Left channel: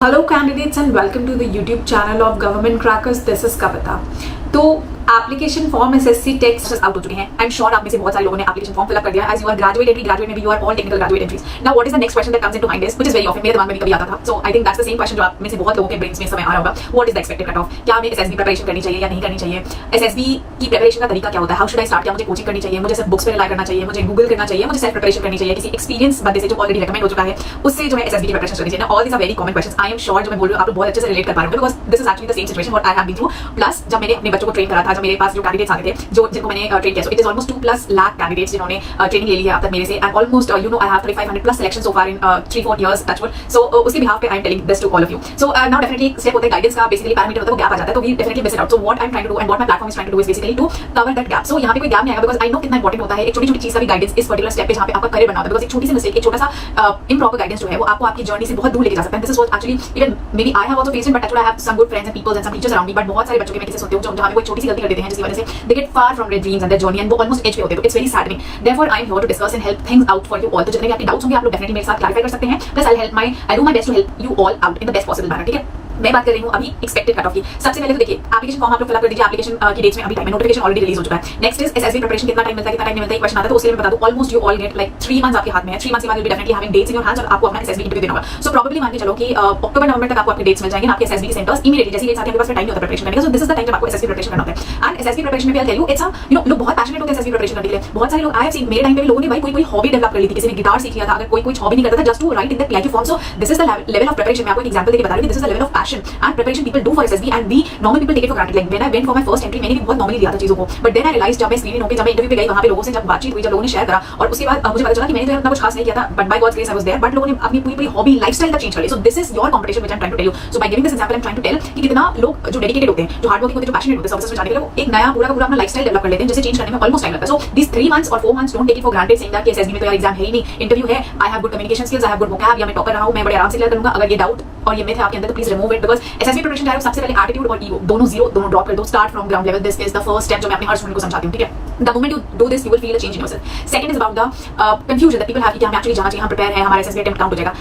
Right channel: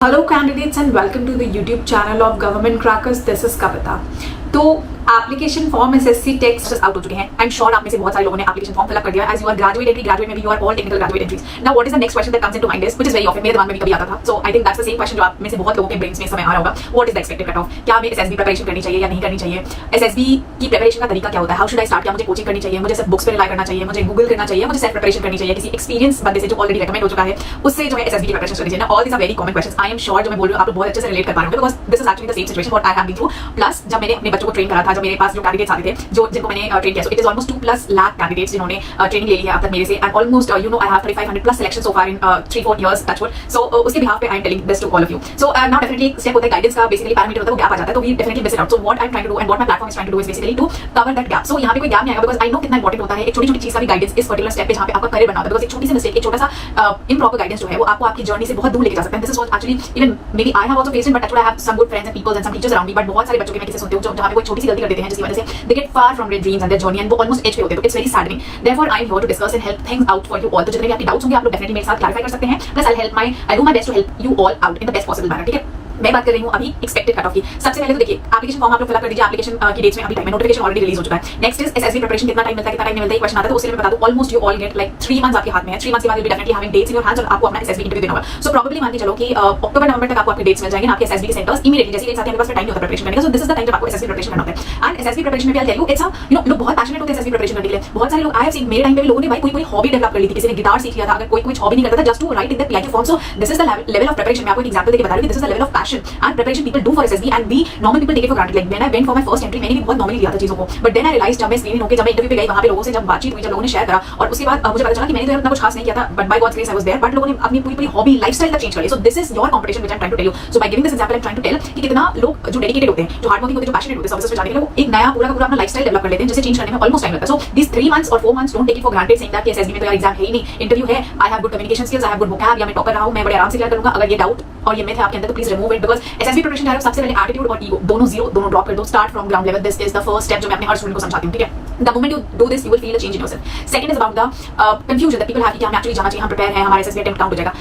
Hello candidates and welcome to the YouTube channel of Government Crackers. This is Kavita. तो application form SSC text out हो चुके हैं. आई am sure आप में से बहुत सारे लोगों ने एप्लीकेशन फॉर्म फिलअप कर दिया. As you are graduate entry, graduate में भी you are all technical graduate entries. Now what is the next question that comes into mind is which is very often मेरे दिमाग में भी कभी आता था. So I think that's the same question जो आप में से बहुत लोगों के ब्रेन्स में इस समय आ रहा होगा. What is the expected cut off? क्या हमें एसएसबी प्रिपरेशन करनी चाहिए या नहीं करनी चाहिए? एसएसबी की प्रिपरेशन का तरीका क्या होता है? How should I start? क्या मुझे कोचिंग करनी चाहिए? मुझे सिर्फ बुक्स पर रिलाई करना चाहिए? मुझे गूगल करना चाहिए? मुझे सेल्फ प्रिपरेशन करनी चाहिए किसी एक्सपीरियंस बंदे से जो ऑलरेडी रिकमेंड हो चुका है उससे जो है एसएसबी की प्रिपरेशन करनी चाहिए? All this are very common questions. I am sure जो मैं बोल रही हूं आप लोग बहुत अच्छे से रिलेट कर पा रहे हैं because this is actually the same situation what I have been through. Plus जब मैंने अपने बच्चों को ट्रेन करा था, जब मेरे पास जो कैंडिडेट्स आते थे जिनको मैंने ट्रेन किया, so it is almost 2+ lakh candidates जिन्होंने ट्रेनिंग ले ली है अब तक मेरे से. And almost you know I have 3500+ selection so far in 3-4 years touch wood. So उसके बिहाफ पे I am telling this to all of you. So now definitely एक स्टेप होता है गाइडेंस का. बेसिकली पैरामीटर होता है वो गैप आ जाता है तो we definitely miss it out. So what I am trying to do and what my platform is trying to do is basically to cover that gap. सो यहां पे कोई गैप नहीं आएगा बिकॉज़ आई नो कितना इंपॉर्टेंट होता है एक छोटी-छोटी चीज का भी गाइडेंस इस पर्टिकुलर स्टेप पे जहां पे आपका करियर बनना होता है. बिकॉज़ एक छोटी सी मिस्टेक, एक छोटा सा इम्प्रॉपर गाइडेंस जो है वो आपको आपकी जर्नी से बहुत दूर लेके जा सकता है. This is what actually even maybe I have also faced it but actually I have some good friends and peoples and some teachers around me. But बहुत सारे बच्चों के मैं किसी सुनती हूं जहां पे कोई छोटी सी गलती कर देते हैं जिसकी वजह से they get far from their dreams and their journey and वो ऑलमोस्ट एज पे होते हैं. तो it's very saddening. Therefore I am here to discuss and help things out for you all. तो जितने भी आपके डाउट्स होंगे आप लोग डेफिनेटली मेरे साथ क्लैरिफाई कर सकते हैं. Plus I do my best to help you all out in the best possible manner. ठीक है, मैं बात कर रही हूँ अभी एक्सपेक्टेड कट ऑफ की. सबसे पहले तो देखिए एप्लीकेशन फॉर्म आप लोग फिल अप कर दीजिए. एप्लीकेशन की डेट्स में अभी टाइम है, नोटिफिकेशन ऑलरेडी रिलीज हो चुका है. नेक्स्ट इज एसएसबी प्रिपरेशन कितना टाइम मिलता है, कितना टाइम नहीं मिलता है क्वेश्चन आता है. तो उससे मैं बता दूं almost you all get like 3 months आपके हाथ में है. 3 मंथ्स के बाद you will be definitely having dates in your hands और आपको अपना एसएसबी इंटरव्यू देना होगा. सो प्रोबेबली मान के चलो कि अक्टूबर नवंबर तक आपको आपके डेट्स मिल जाएंगे आपके एसएसबी के सेंटर्स इमीडिएटली. जैसे डेट्स आते हैं आपके पास टाइम नहीं होता प्रिपरेशन करने का. सो दिस इज द टाइम जब आपको एसएसबी प्रिपरेशन करना होता है. एंड एसएसबी प्रिपरेशन में भी I tell you it's you know लोग बहुत पैशनेट होते हैं एसएसबी प्रिपरेशन करने के लिए. बहुत सारे लोग आई हैव सीन मेरे टाइम पे भी लोगों ने भाई कोई हॉबी डेवलप कर ली थी. किसी ने गिटार सीख लिया था, अगर कोई हॉबी नहीं करता था just to write in the PIQ form. So this is the level of preparation. मैं आपको एक एग्जांपल देके बता रही हूं. This is the level of passion and preparation people do for SSB and we normal people take it for granted. Like when I went for my first entry मैंने भी बहुत नॉर्मली लिया था चीजों को. बट देन आई रियलाइज जब मैं screening होके जब मैं इंटरव्यू पे गई वहां पे लोगों से जब बातचीत हुई, जब लोगों ने शेयर करा और उसके बाद मुझे पता चला कि मैंने तो इतना कुछ खास नहीं किया था but by God's grace I was there. But लोगों ने अपनी पूरी हॉबी लाइफस्टाइल तक चेंज कर ली. So this is your competition which I am trying to tell you. So by giving this example I am trying to tell कि कितना लोग जो डेडिकेटेड होते हैं, जो हार्ड वर्किंग होते हैं, जो पैशनेट होते हैं सर्विसेज में जाने के लिए, वो एक नया पूरा का पूरा अपना लाइफस्टाइल डेवलप कर लेते हैं जिसे चेंज करने में ऑलमोस्ट टाइम लगता है. सो दिस 3 मंथ्स और 4 months don't take it for granted saying that कि एसएसबी में तो यार एग्जाम है ही नहीं, इंटरव्यू है, I have good communication skills, I have good vocab या मैं टॉपर रहा हूं, मैं बड़े आराम से क्लियर करूंगा. अगर ये डाउट और ये मिथ है आपके अंदर तो please remove it because SSB preparation जा रहे हो सबसे पहले एटीट्यूड और ईगो दोनों जीरो, दोनों ड्रॉप कर दो. Start from ground level. This is the first step जो मैं अपने हर स्टूडेंट को समझाती हूं. ठीक है, the moment you do this you will feel a change in yourself. Second is about the confusion that people have कि हम एक्चुअली जाना चाहिए, हम प्रिपेयर हैं, हमारा एसएसबी अटेम्प्ट काउंट हो जाएगा.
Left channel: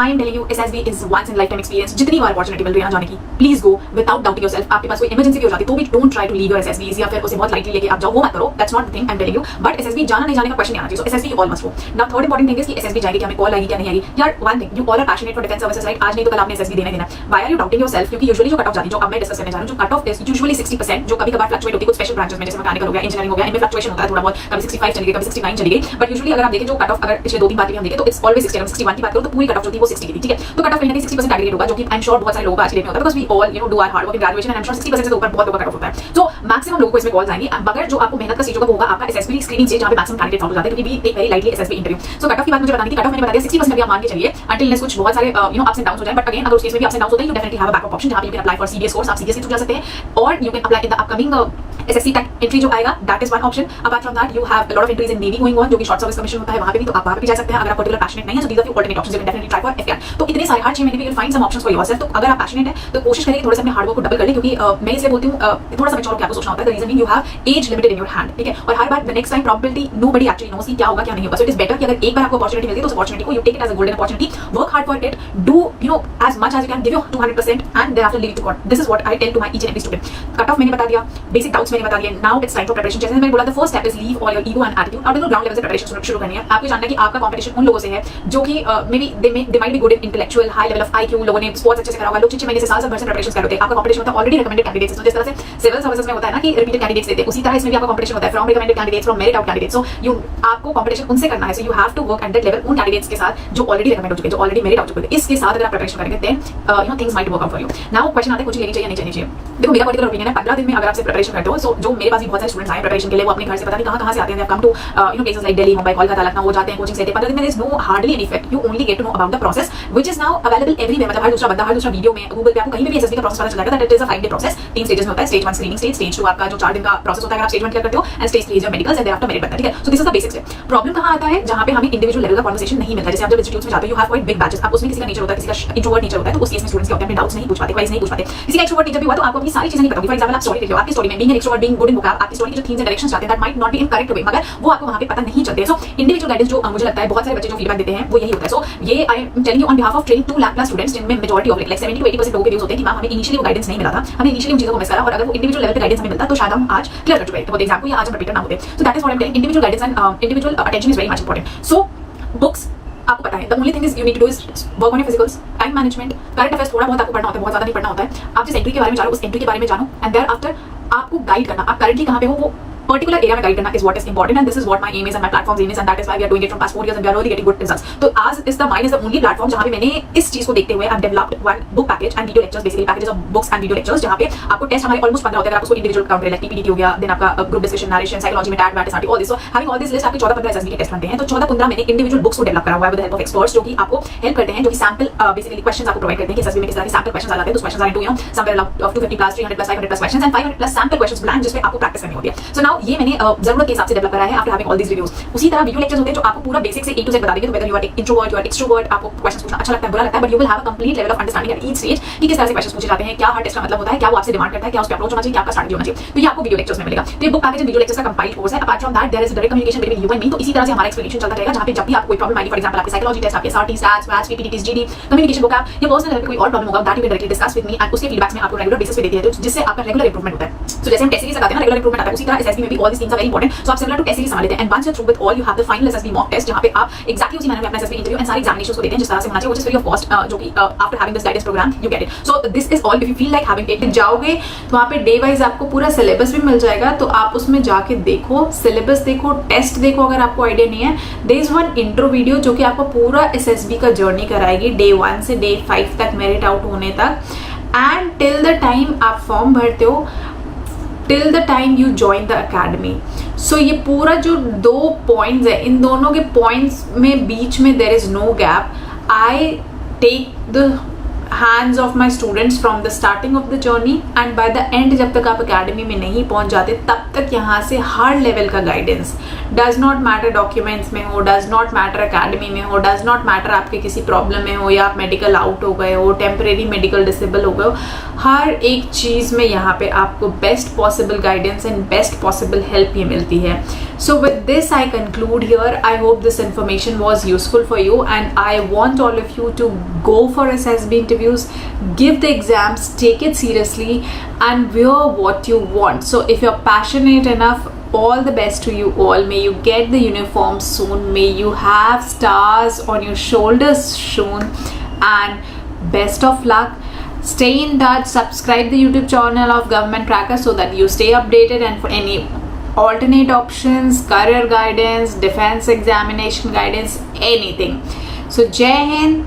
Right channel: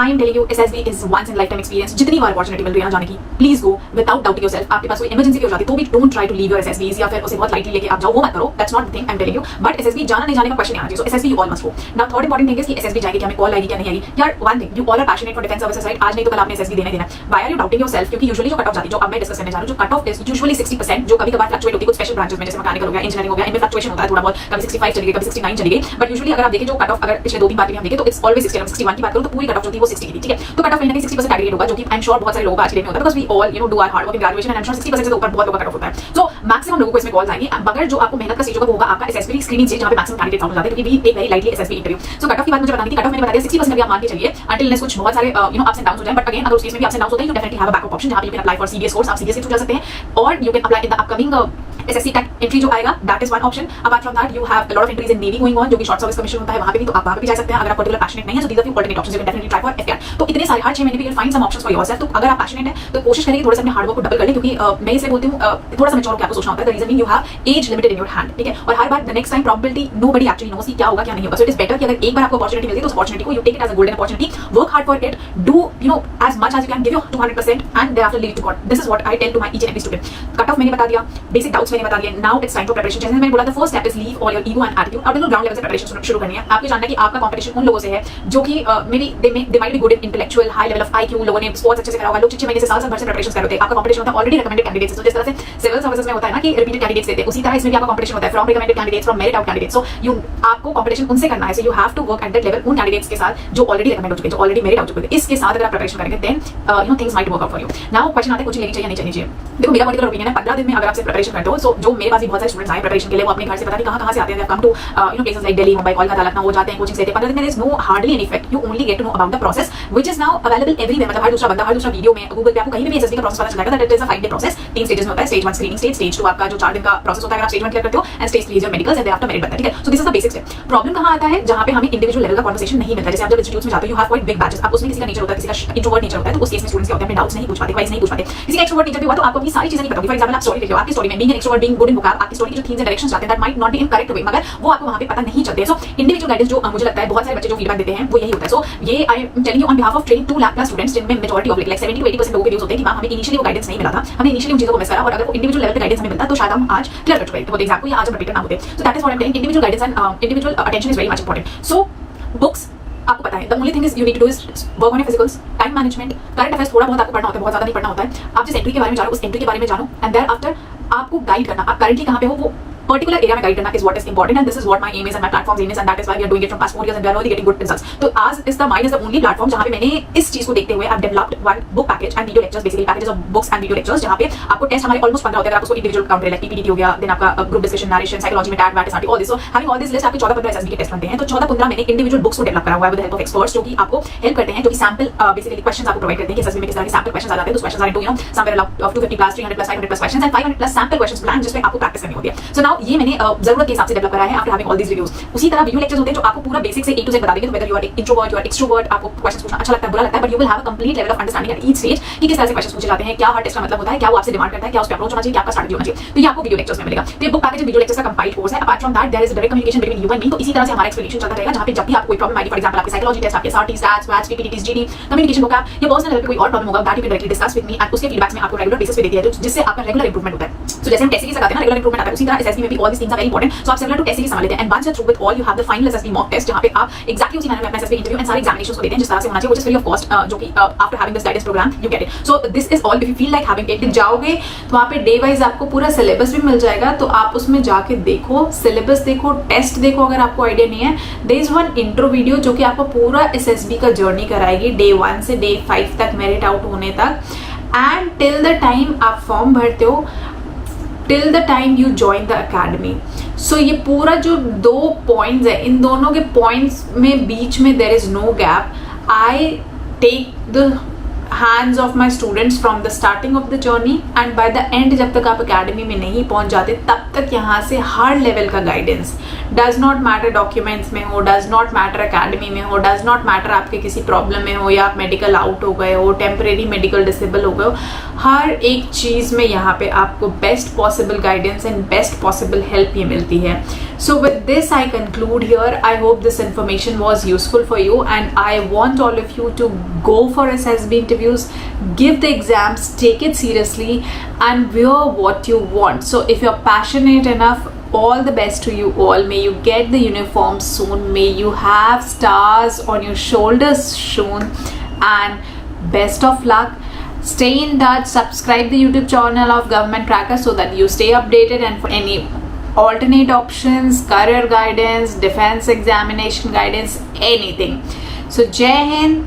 I am telling you SSB is once in lifetime experience. जितनी बार अपॉर्चुनिटी मिल रही है जाने की please go without doubting yourself. आपके पास कोई इमरजेंसी भी हो जाती है तो भी don't try to leave your SSBs या फिर उसे बहुत लाइटली लेके आप जाओ, वो मत करो. That's not the thing I am telling you. But SSB जाना नहीं जाने का क्वेश्चन नहीं आना चाहिए. So SSB you all must go. Now third important thing is कि एसएसबी जाएगी क्या, हमें कॉल आएगी क्या नहीं आएगी. यार one thing, you all are passionate for defence services right. आज नहीं तो कल आपने एसएसबी देना है. Why are you doubting yourself? क्योंकि यूजुअली जो कट ऑफ जाती है, जो अब मैं डिस्कस करने जा रही हूं, जो कट ऑफ इज यूजुअली 60%, जो कभी-कभार फ्लक्चुएट होती है कुछ स्पेशल ब्रांचेस में जैसे मैकेनिकल हो गया, इंजीनियरिंग हो गया, इनमें फ्लक्चुएशन होता है थोड़ा बहुत. कभी 65 चली गई, कभी 69 चली गई. बट यूजुअली अगर आप देखें जो कट ऑफ अगर पिछले 2-3 बार भी हम देखें तो इट्स ऑलवेज 60. 61 की बात करूं तो पूरी कट ऑफ जो थी वो 60 की थी. ठीक है, तो कट ऑफ कहीं ना कहीं 60% एग्रीगेट होगा जो कि आई एम श्योर बहुत सारे लोगों का आज के डेट में होता है because we all you know do our hard work in graduation and I am sure 60% से ऊपर बहुत लोगों का कट ऑफ होता है. सो मैक्सिमम लोगों को इसमें कॉल्स आएंगे. मगर जो आपको मेहनत का स्टेज होगा वो होगा आपका एसएसबी स्क्रीनिंग स्टेज जहां पे मैक्सिमम कैंडिडेट्स आउट हो जाते हैं क्योंकि we take very lightly SSB interview. So cut off की बात मुझे बतानी थी. कट ऑफ मैंने बता दिया 60% अभी आप मान के चलिए अंटिल नेक्स्ट कुछ बहुत सारे you know ups and downs हो जाए. बट अगेन अगर उस केस में भी अप्स एंड डाउन्स होते हैं you definitely have a backup option जहां पे you can apply for CBS course. आप सीबीएस के थ्रू जा सकते हैं और you can apply in the upcoming SSC tech entry जो आएगा. That is one option. Apart from that you have lot of entries in navy going on जो कि शॉर्ट सर्विस कमीशन होता है, वहां पे भी तो आप वहां पे भी जा सकते हैं अगर आप पर्टिकुलर पैशनेट नहीं है. So these are few alternate options you can definitely try for FAR. तो इतने सारे हर 6 महीने भी you will find some options for yourself. तो अगर आप पैशनेट है तो कोशिश करें थोड़ा सा अपने हार्ड वर्क को डबल कर लें क्योंकि मैं इसे बोलती हूं थोड़ा सा मैच्योर होकर आपको सोचना होता है. The reason being you have age limited in your hand. ठीक है, और हर बार the next time probability nobody actually knows कि क्या होगा क्या नहीं होगा. सो इट इज बेटर कि अगर एक बार आपको अपॉर्चुनिटी मिलती है तो उस अपॉर्चुनिटी को you take it as a golden opportunity, work hard for it, do you know as much as you can, give your 200% and thereafter leave it to God. This is what I tell to my each and every student. Cut off मैंने बता दिया, basic doubts मैंने बता दिए. Now it's time for preparation. जैसे मैंने बोला the first step is leave all your ego and attitude. अब ग्राउंड लेवल से प्रिपरेशन शुरू करनी है. आपको जानना है कि आपका कंपटीशन उन लोगों से है जो कि may be they might be good in intellectual high level of IQ, लोगों ने स्पोर्ट्स अच्छे से करा होगा, लोग 6 महीने से साल भर से प्रिपरेशन कर रहे होते हैं. आपका कंपटीशन होता है ऑलरेडी रिकमेंडेड कैंडिडेट्स. तो जिस तरह से सिविल सर्विसेज में होता है ना कि रिपीटेड कैंडिडेट्स देते हैं, उसी तरह इसमें भी आपका कंपटीशन होता है from recommended candidates, from merit out candidates. So you आपको कंपटीशन उनसे करना है. So you have to work at that level उन कैंडिडेट्स के साथ जो ऑलरेडी रिकमेंड हो चुके हैं, जो ऑलरेडी मेरिट आउट चुके हैं. इसके साथ अगर आप प्रिपरेशन करेंगे then you know things might work out for you. Now question आता है कोचिंग लेनी चाहिए नहीं चाहिए. देखो मेरा पर्टिकुलर ओपिनियन है 15 दिन में अगर आप प्रिपरेशन करते हो. सो जो मेरे पास भी बहुत सारे स्टूडेंट्स आए प्रिपरेशन के लिए, वो अपने घर से पता नहीं कहां से आते हैं. Come to you know places like Delhi, Mumbai, Kolkata, Lucknow, वो जाते हैं कोचिंग लेते हैं. 15 दिन में is no hardly any effect. You only get to know about the process which is now available everywhere. मतलब हर दूसरा बंदा, हर दूसरा वीडियो में, गूगल पे आपको कहीं भी एसएसबी का प्रोसेस पता चल जाएगा. That it is a 5-day process. 3 stages में होता है. स्टेज 1 स्क्रीनिंग स्टेज, स्टेज 2 आपका जो 4 दिन का प्रोसेस होता है अगर आप स्टेज 1 क्लियर करते हो, and stage 3 is your medicals and thereafter merit बनता है. ठीक है, so this is the basic step. Problem कहां आता है जहां पे हमें इंडिविजुअल लेवल का कन्वर्सेशन नहीं मिलता. जैसे आप जब इंस्टीट्यूट्स में जाते हो you have quite big batches. आप उसमें किसी का नेचर होता है, किसी का इंट्रोवर्ट नेचर होता है, तो उस केस में स्टूडेंट्स के होते हैं अपने डाउट्स नहीं पूछ पाते, क्वेरीज नहीं पूछ पाते. किसी का एक्सट्रोवर्ट नेचर भी हुआ तो आपको अपनी सारी चीजें नहीं पता होगी. फॉर एग्जांपल आप स्टोरी लिख रहे हो, आपकी स्टोरी में बीइंग एन एक्सट्रोवर्ट और बीइंग गुड इन वोकैब, आपकी स्टोरी की जो थीम्स एंड डायरेक्शंस जाते हैं that might not be in correct way, मगर वो आपको वहां पे पता नहीं चलते हैं। सो इंडिविजुअल गाइडेंस जो मुझे लगता है बहुत सारे बच्चे जो फीडबैक देते हैं वो यही होता है। सो ये आई am telling you on behalf of training 2 lakh plus students, जिनमें मेजॉरिटी ऑफ लाइक 70 to 80% लोगों के व्यूज होते हैं कि मैम हमें इनिशियली वो गाइडेंस नहीं मिला था, हमने इनिशियली उन चीजों को मिस करा, और अगर वो इंडिविजुअल लेवल पे गाइडेंस हमें मिलता तो शायद हम आज क्लियर कर चुके होते एग्जाम को, या आज हम रिपीटर ना होते। So that is what I am telling, individual guidance and individual attention is very much important. So books आपको पता है, the only thing is you need to do is work on your physicals, time management, current affairs थोड़ा बहुत आपको पढ़ना होता है, बहुत ज्यादा नहीं पढ़ना होता है। आप जिस एंट्री के बारे में जानो उस एंट्री के बारे में जानो, एंड देयर आफ्टर आपको गाइड करना, आप करंटली कहां पे हो वो पर्टिकुलर एरिया में गाइड करना is what is important, and this is what my aim is and my platform aim is, and that is why we are doing it from past 4 years and we are really getting good results. तो आज is the mind is the only platform जहां पे मैंने इस चीज को देखते हुए I have developed one book package and video lectures, basically packages of books and video lectures, जहां पे आपको टेस्ट हमारे ऑलमोस्ट 15 होते हैं। आप उसको इंडिविजुअल काउंट लाइक पीपीटी हो गया, देन आपका ग्रुप डिस्कशन, नरेशन, साइकोलॉजी में TAT, math, all this, so having all this list आपके 14-15 एसएसबी के टेस्ट बनते हैं। तो 14-15 मैंने इंडिविजुअल बुक्स को डेवलप करा हुआ है with the help of experts, जो कि आपको हेल्प करते हैं, जो कि सैंपल बेसिकली क्वेश्चंस आपको प्रोवाइड करते हैं कि एसएसबी में किस तरह के सैंपल क्वेश्चंस आ जाते हैं। तो questions are into somewhere around 250 plus 300 plus 500 plus questions and 500 plus sample questions plan, जिसमें आपको प्रैक्टिस करनी होती है। सो नाउ ये मैंने जरूरत के हिसाब से डेवलप करा है after having all this reviews. उसी तरह वीडियो लेक्चर्स होते हैं जो आपको पूरा बेसिक से ए टू जेड बता देंगे, तो whether you are introvert, you are extrovert, आपको क्वेश्चंस पूछना अच्छा लगता है, बुरा लगता है, but you will have a complete level of understanding at each stage कि किस तरह से क्वेश्चंस पूछे जाते हैं, क्या हर टेस्ट का मतलब होता है, क्या वो आपसे डिमांड करता है, क्या उस पे अप्रोच होना चाहिए, क्या आपका स्ट्रैटेजी होना चाहिए। तो ये आपको वीडियो लेक्चर्स में मिलेगा। तो ये बुक पैकेज वीडियो लेक्चर्स का कंपाइल्ड कोर्स है। Apart from that there is direct communication between you and me. तो इसी तरह से हमारा एक्सप्लेनेशन चलता रहेगा, जहां पे जब भी आपको कोई प्रॉब्लम आएगी, फॉर एग्जांपल आपके साइकोलॉजी टेस्ट, आपके SRT, stats, maths, PPT, GD, communication vocab, या पर्सनल लेवल पे कोई और प्रॉब्लम होगा, that you can directly discuss with me, and उसके फीडबैक्स में आपको रेगुलर बेसिस पे देती है, जिससे आपका रेगुलर इंप्रूवमेंट होता है। सो जैसे हम टेस्ट सीरीज लगाते हैं ना, रेगुलर इंप्रूवमेंट आता है, उसी तरह एसएसबी में भी all this things are very important. So आप सिमिलर टू टेस्ट सीरीज संभाल लेते हैं, and once you are through with all, you have the final SSB mock test, जहां पे आप एक्जेक्टली उसी मैनर में अपना एसएसबी इंटरव्यू एंड सारे एग्जामिनेशंस को देते हैं जिस तरह से होना चाहिए, which is free of cost, जो कि after having this guidance programme you get it. So this is all, if you feel like having it, जाओगे तो वहाँ पे डे वाइज आपको पूरा सिलेबस भी मिल जाएगा, तो आप उसमें जाके देखो, सिलेबस देखो, टेस्ट देखो अगर आपको आइडिया नहीं है। There is one intro video जो कि आपको पूरा एसएसबी का जर्नी कराएगी, डे 1 से डे 5 तक, मेरिट आउट होने तक, एंड टिल द टाइम आप फॉर्म भरते हो, till the time you join the academy. So ये पूरा जो 2 पॉइंट्स है, इन दोनों के पॉइंट्स में बीच में there is no gap. I take the hands of my students from the starting of the journey and by the end, जब तक आप अकेडमी में नहीं पहुंच जाते तब तक यहाँ से हर लेवल का guidance, does not matter documents में हो, डज नॉट मैटर अकेडमी में हो, डज नॉट मैटर आपके किसी प्रॉब्लम में हो, या आप मेडिकल आउट हो गए हो, टेम्परेरी मेडिकल डिसेबल हो गए हो, हर एक चीज में यहाँ पे आपको best possible guidance and best possible help ये मिलती है। So with this I conclude here. I hope this information was useful for you, and I want all of you to go for SSB interviews, give the exams, take it seriously, and wear what you want. So if you're passionate enough, all the best to you all. May you get the uniform soon, may you have stars on your shoulders soon, and best of luck. Stay in touch, subscribe the YouTube channel of Government Crackers so that you stay updated, and for any alternate options, career guidance, defense examination guidance, anything. So Jai Hind.